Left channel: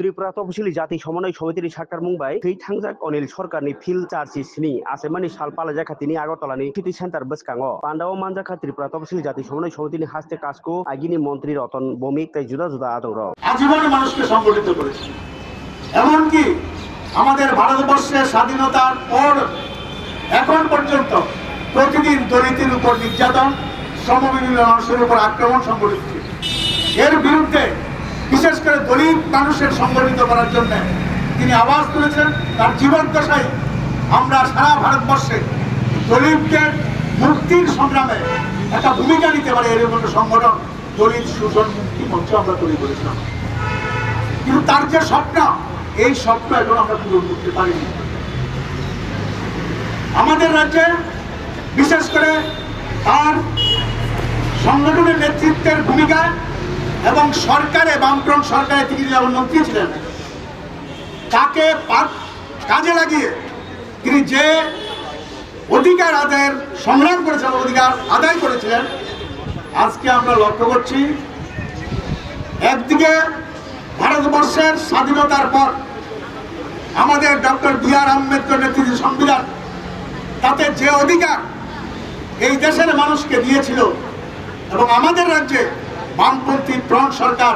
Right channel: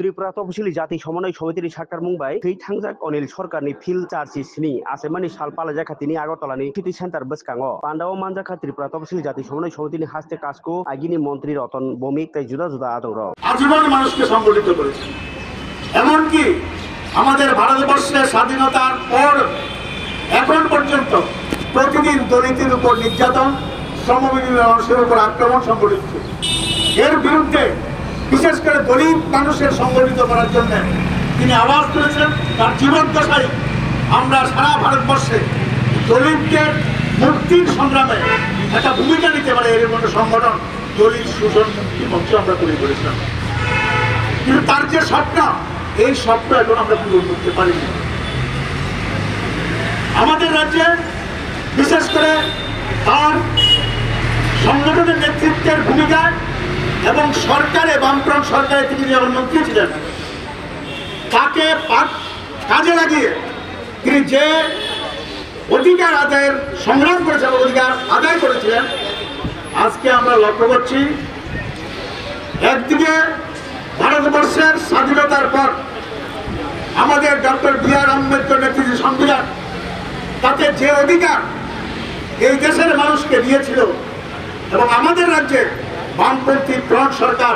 त्रिपुरा तपसिली जाति समन्वय समितिनि साक्कार मुंबाई थै थांजाक अनिल सरकारनि फिल्ड चार्जिसनि आसेमानि साल पालाजाखातिनि आगरतलानि सिटी सेंटर बसकांगो पांडाव मानजाखा त्रिपुरा तपसिली जाति समन्वय समितिनि हास्ते काजको आगिनि मन्त्री रतन भौमिक তাই जुदा जुदा आदर आजीवन মানুষকে সংগঠিত করেছে। এমনকি আমাদের ভারতবর্ষের স্বাধীনতার পর এখন পর্যন্ত প্রতিদিন দলিতের উপর নির্যাতন, শ্রমজীবী মানুষের উপর আক্রমণ সংঘটিত হচ্ছে। এর বিরুদ্ধে বিশেষ করে দলিত মানুষের সংগঠিত করার জন্য তিনি আওয়াজ তুলেছেন। তার জীবদ্দশায় আমরা সারা ভারতবর্ষে দলিতদের মুক্তির সংগ্রামে একটা ভূমিকা নিতে পারে এরকম একটা সংগঠন দলিত শোষণ মুক্তি মঞ্চ আমরা তৈরি করেছিলাম। কিন্তু তার যে স্বপ্ন, এই স্বপ্ন এখন আমরা পূরণ করতে পারিনি। আমাদের রাজ্যে বিশেষ করে তার সংগঠনের নেতৃত্বের ভূমিকা এবং সরকারে বামফ্রন্ট সরকারে তিনি যখন মন্ত্রী ছিলেন তাকে কাজে লাগিয়ে তিনি যে অধিকার আদায়ের সংগ্রাম করেছেন, অধিকার আদায় করেছিলেন, আজকে আমরা লক্ষ্য করছি একদিকে ভারতবর্ষের স্বাধীনতার পর আমাদের ডক্টর বি.আর. আম্বেদকর নেতৃত্বের সংবিধান তাতে যে অধিকার এই দেশের মানুষকে দিয়েছিল এবং আমাদের রাজ্যে বামপন্থী ফ্রন্ট সরকার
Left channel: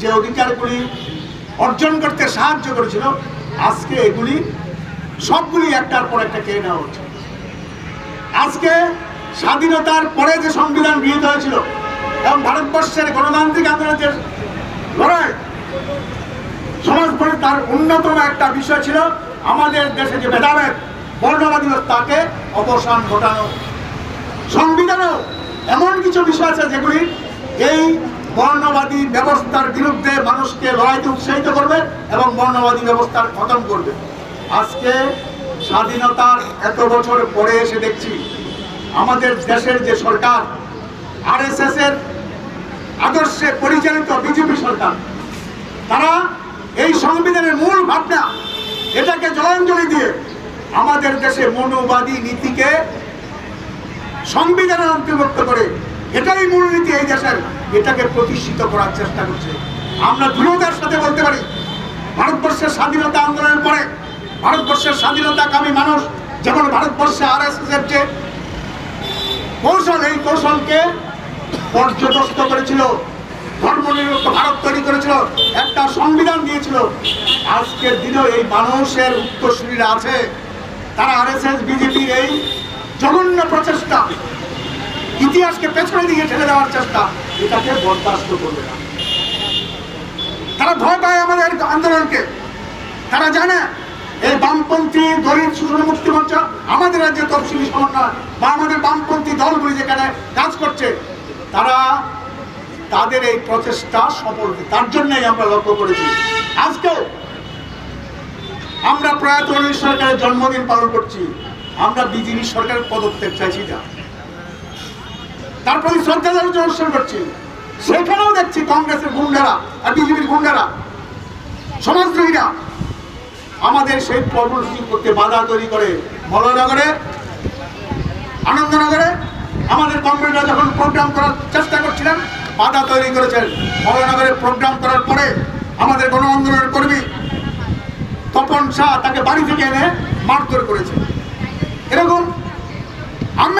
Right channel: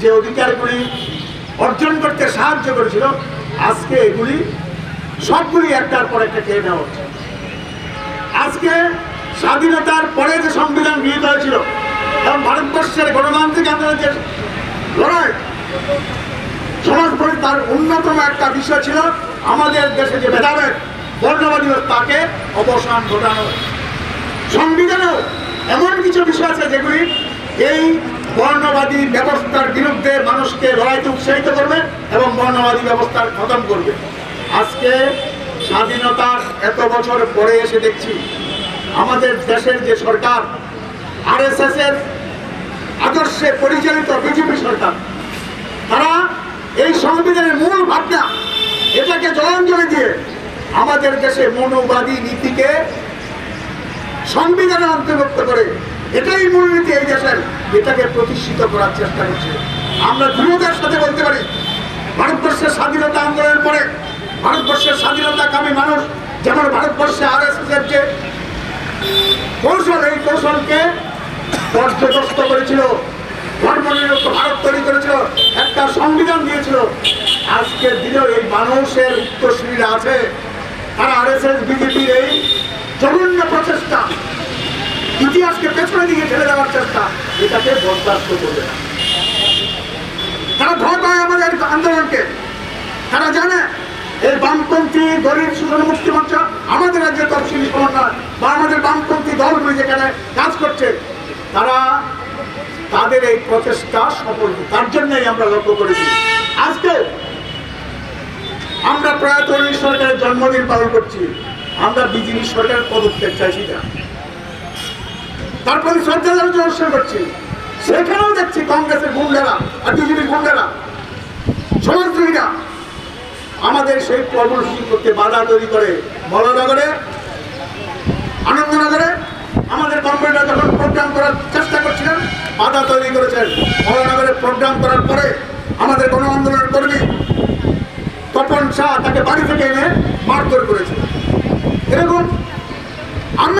যে অধিকারগুলি অর্জন করতে সাহায্য করেছিল, আজকে এগুলি সবগুলি একটার পর একটা কেড়ে নেওয়া হচ্ছে। আজকে স্বাধীনতার পরে যে সংবিধান গৃহীত হয়েছিল এবং ভারতবর্ষের গণতান্ত্রিক আন্দোলনের লড়াই সমাজ তার অন্যতম একটা বিষয় ছিল আমাদের দেশে যে ভেদাভেদ বর্ণবাদী তাকে অবসান ঘটানো। সংবিধানেও এমন কিছু বিষয় আছে যেগুলি এই বর্ণবাদী ব্যবস্থার বিরুদ্ধে মানুষকে লড়াইতে উৎসাহিত করবে এবং বর্ণবাদী ব্যবস্থার খতম করবে। আজকে স্বাধীনতার এত বছর পরে এসে দেখছি আমাদের দেশের যে সরকার আরএসএস এর আদর্শে পরিচালিত বিজেপি সরকার, তারা এই সংবিধানের মূল ভাবনা এটাকে জলাঞ্জলি দিয়ে আমাদের দেশে মৌলবাদী নীতিকে সংবিধানে অন্তর্ভুক্ত করে এটাই মূলনীতি এই দেশের, এটাকে প্রতিষ্ঠিত করার চেষ্টা করছে। আমরা দৃঢ়তার সাথে বলতে পারি ভারতবর্ষের স্বাধীনতা আন্দোলনের পরে ভারতবর্ষের স্বাধীনতাকামী মানুষ যেমন ভারতবর্ষে আরএসএস এর যে কৌশল, এই কৌশলকে পর্যদস্ত করেছিল, ধর্মনিরপেক্ষ ভারত তৈরি করেছিল, একটা সংবিধান দিয়েছিল। আজকের দিনেও এই মানুষের উত্তরসূরিরা আছে, তারা আরএসএস বিজেপির এই জঘন্য প্রচেষ্টা, ইতিহাসকে পেছনে দিকে ঠেলে দেওয়ার চেষ্টা, এটাকে বরদাস্ত করতে হবে। তারা ভয় পায় আমাদের আন্দোলনকে। তারা জানে এই বামপন্থী দলিত শোষণ মুক্তি মঞ্চ আমাদের রাজ্যের তফসিলি সমন্বয় বা আমাদের বামপন্থী দলগুলি যেখানে কাজ করছে, তারা তাদের এই প্রচেষ্টা সফল, তার জন্যই আমরা লক্ষ্য করেছি। আজকে আমরা প্রয়াত অনিল সরকারের জন্মদিন পালন করছি, আমরা বিজেপি সরকারের পদত্যাগ চাইছি না, তারপরে শ্রদ্ধা অনুষ্ঠান করছি। সেখানেও দেখছি কংগ্রেসের গুন্ডারা আর বিজেপির গুন্ডারা, সমাজদ্রোহীরা আমাদের সেই কর্মসূচি করতে বাধা তৈরি করে। মলনগরে, আনন্দনগরে আমাদের কমরেডরা যখন প্রোগ্রাম করার চেষ্টা করছিলেন বাধা তৈরি করেছেন। মলনগরে প্রোগ্রাম করার পরে আমাদের গণ আন্দোলনের কর্মী তপন শাহ তাকে বাড়ি থেকে এনে মারধর করেছে। এরকম